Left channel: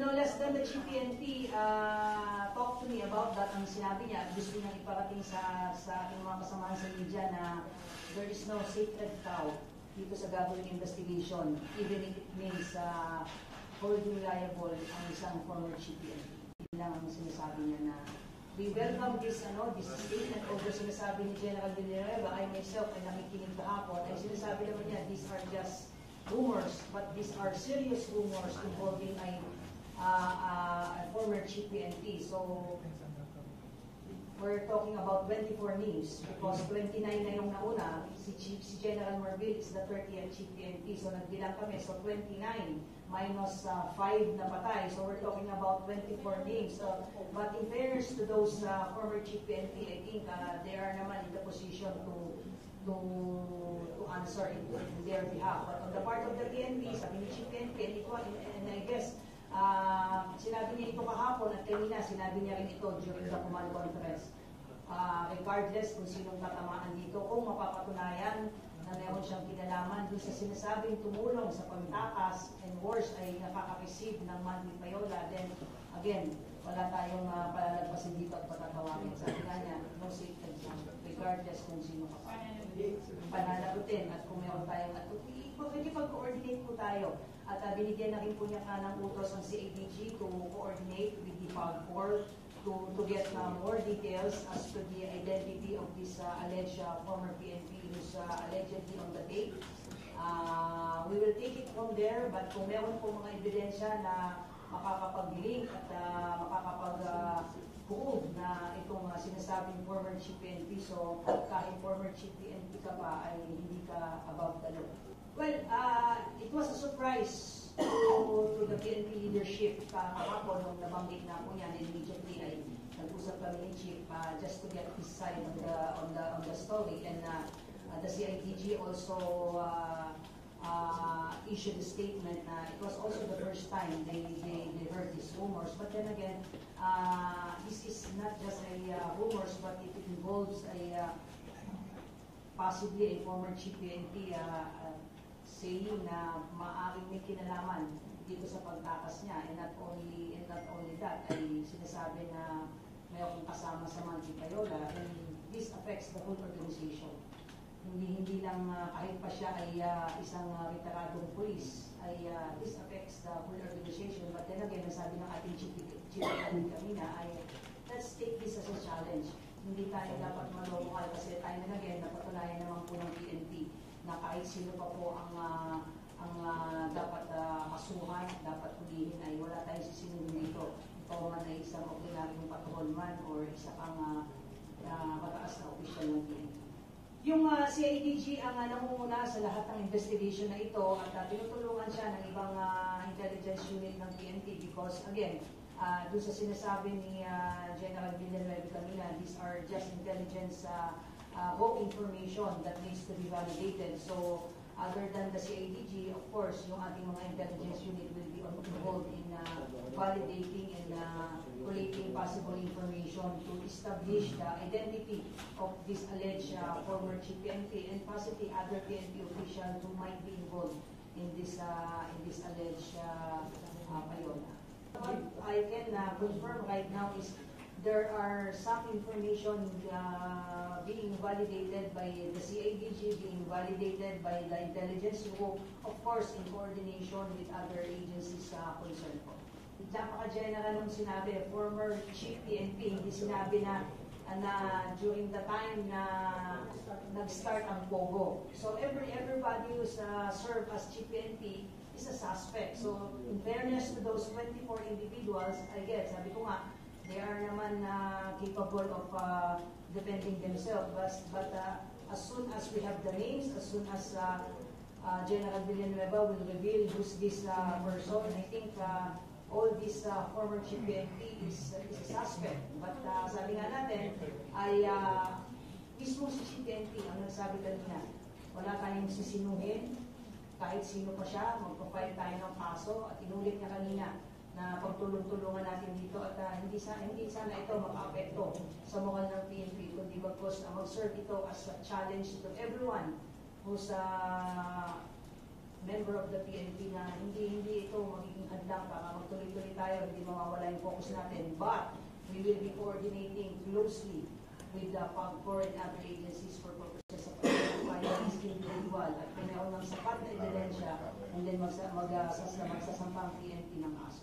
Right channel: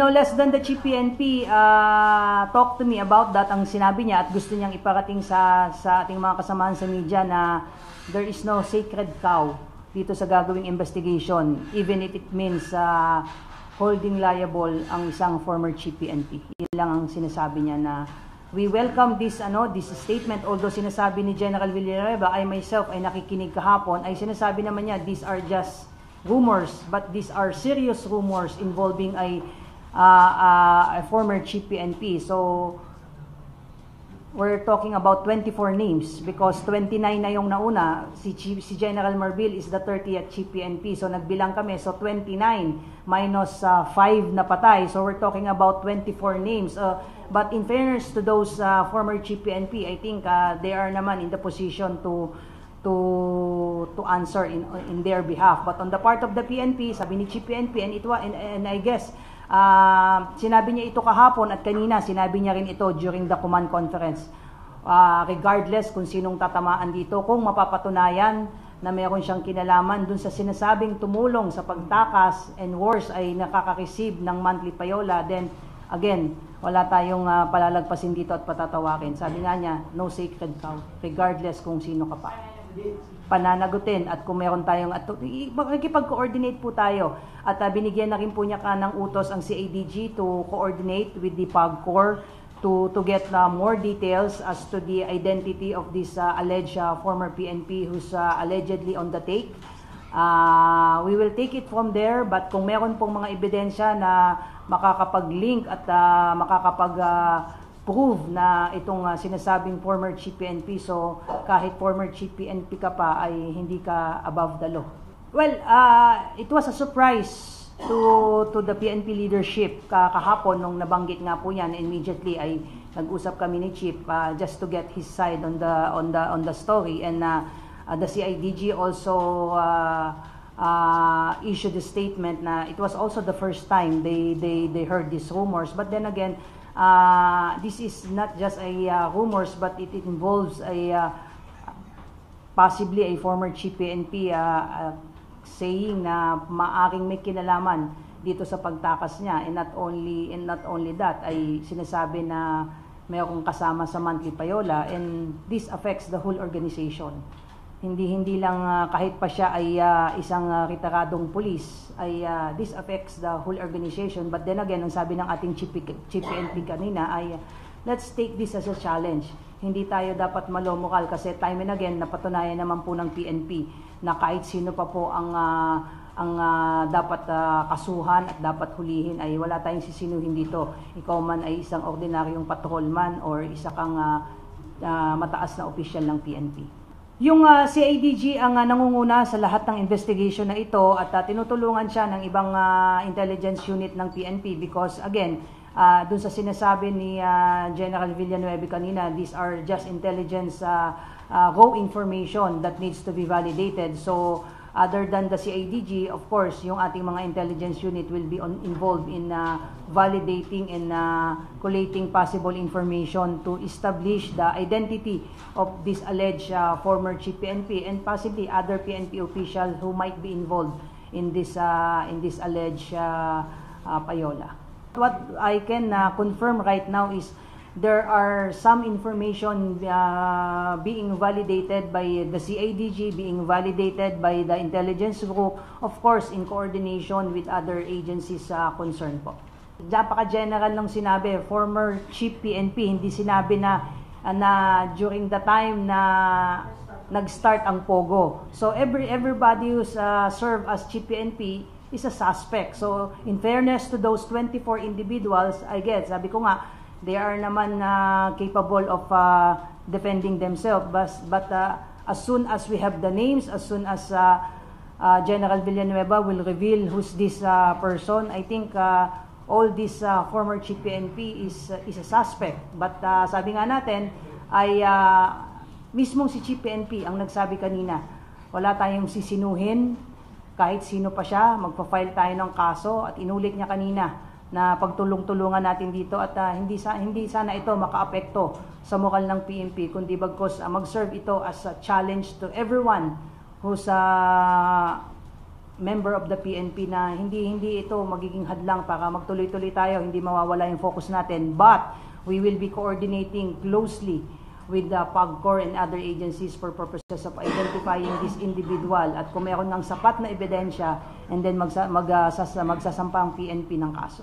No less than the Chief PNP talked to me about that. Ang sinabi niya at gusto niyang iparating sa ating mga kasamahan sa media na there is no sacred cow dito sa gagawing investigation, even if it means holding liable ang isang former Chief PNP. Yun lang ang sinasabi niya na we welcome this statement. Although sinasabi ni General Villanueva, I myself ay nakikinig kahapon, ay sinasabi naman niya these are just rumors, but these are serious rumors involving a former Chief PNP. So we're talking about 24 names because 29 na yung nauna. Si General Marbil is the 30th Chief PNP. So nagbilang kami. So 29 minus 5 na patay. So we're talking about 24 names. But in fairness to those former Chief PNP, I think they are naman in the position to answer in their behalf. But on the part of the PNP, sabi ni Chief PNP, and I guess sinabi niya ito kahapon at kanina sinabi niya rin ito during the command conference. Regardless kung sinong tatamaan dito, kung mapapatunayan na mayroon siyang kinalaman dun sa sinasabing tumulong sa pagtakas and worse ay nakaka-receive ng monthly payola, then again, wala tayong palalagpasin dito at patatawakin. Sabi nga niya, no sacred cow, regardless kung sino ka pa. Pananagutin at kung meron tayong makikipag-coordinate po tayo at binigyan na rin po niya ng utos ang CADG to coordinate with the PAGCOR to get more details as to the identity of this alleged former PNP who's allegedly on the take. We will take it from there, but kung meron pong mga ebidensya na makakapag-link at prove na itong sinasabing former Chief PNP, so kahit former Chief PNP ka pa ay hindi ka above the law. Well, it was a surprise to the PNP leadership kahapon nung nabanggit nga po yan. Immediately ay nag-usap kami ni Chief just to get his side on the story, and the CIDG also issued a statement na it was also the first time they heard these rumors. But then again, this is not just a rumors, but it involves possibly a former Chief PNP saying na maaring may kinalaman dito sa pagtakas niya, and not only that ay sinasabi na mayroong kasama sa monthly payola, and this affects the whole organization. Hindi lang kahit pa siya ay isang retiradong pulis, ay this affects the whole organization. But then again, ang sabi ng ating Chief PNP kanina ay let's take this as a challenge. Hindi tayo dapat malomokal kasi time and again napatunayan naman po ng PNP na kahit sino pa po ang dapat kasuhan at dapat hulihin ay wala tayong sisinuhin dito. Ikaw man ay isang ordinaryong patrolman or isa kang mataas na opisyal ng PNP. Yung CADG ang nangunguna sa lahat ng investigation na ito at tinutulungan siya ng ibang intelligence unit ng PNP because again, dun sa sinasabi ni General Villanueva kanina, these are just intelligence raw information that needs to be validated. So other than the CIDG, of course, yung ating mga intelligence unit will be involved in validating and collating possible information to establish the identity of this alleged former Chief PNP and possibly other PNP officials who might be involved in this alleged payola. What I can confirm right now is there are some information being validated by the CIDG, being validated by the intelligence group, of course in coordination with other agencies concerned po. Napaka-general nung sinabi, former Chief PNP, hindi sinabi na during the time na nag-start ang POGO. So everybody who's served as Chief PNP is a suspect. So in fairness to those 24 individuals, I guess, sabi ko nga, they are naman capable of defending themselves. But as soon as we have the names, as soon as General Villanueva will reveal who's this person, I think all this former Chief PNP is a suspect. But sabi nga natin, ay mismong si Chief PNP ang nagsabi kanina, wala tayong sisinuhin, kahit sino pa siya, magpa-file tayo ng kaso, at inulit niya kanina na pagtulong-tulungan natin dito at hindi sana ito makaapekto sa moral ng PNP, kundi bagkus mag-serve ito as a challenge to everyone who's member of the PNP na hindi ito magiging hadlang para magtuloy-tuloy tayo, hindi mawawala yung focus natin. But we will be coordinating closely with the PAGCOR and other agencies for purposes of identifying this individual at kung meron ng sapat na ebidensya, and then magsasampa ang PNP ng kaso.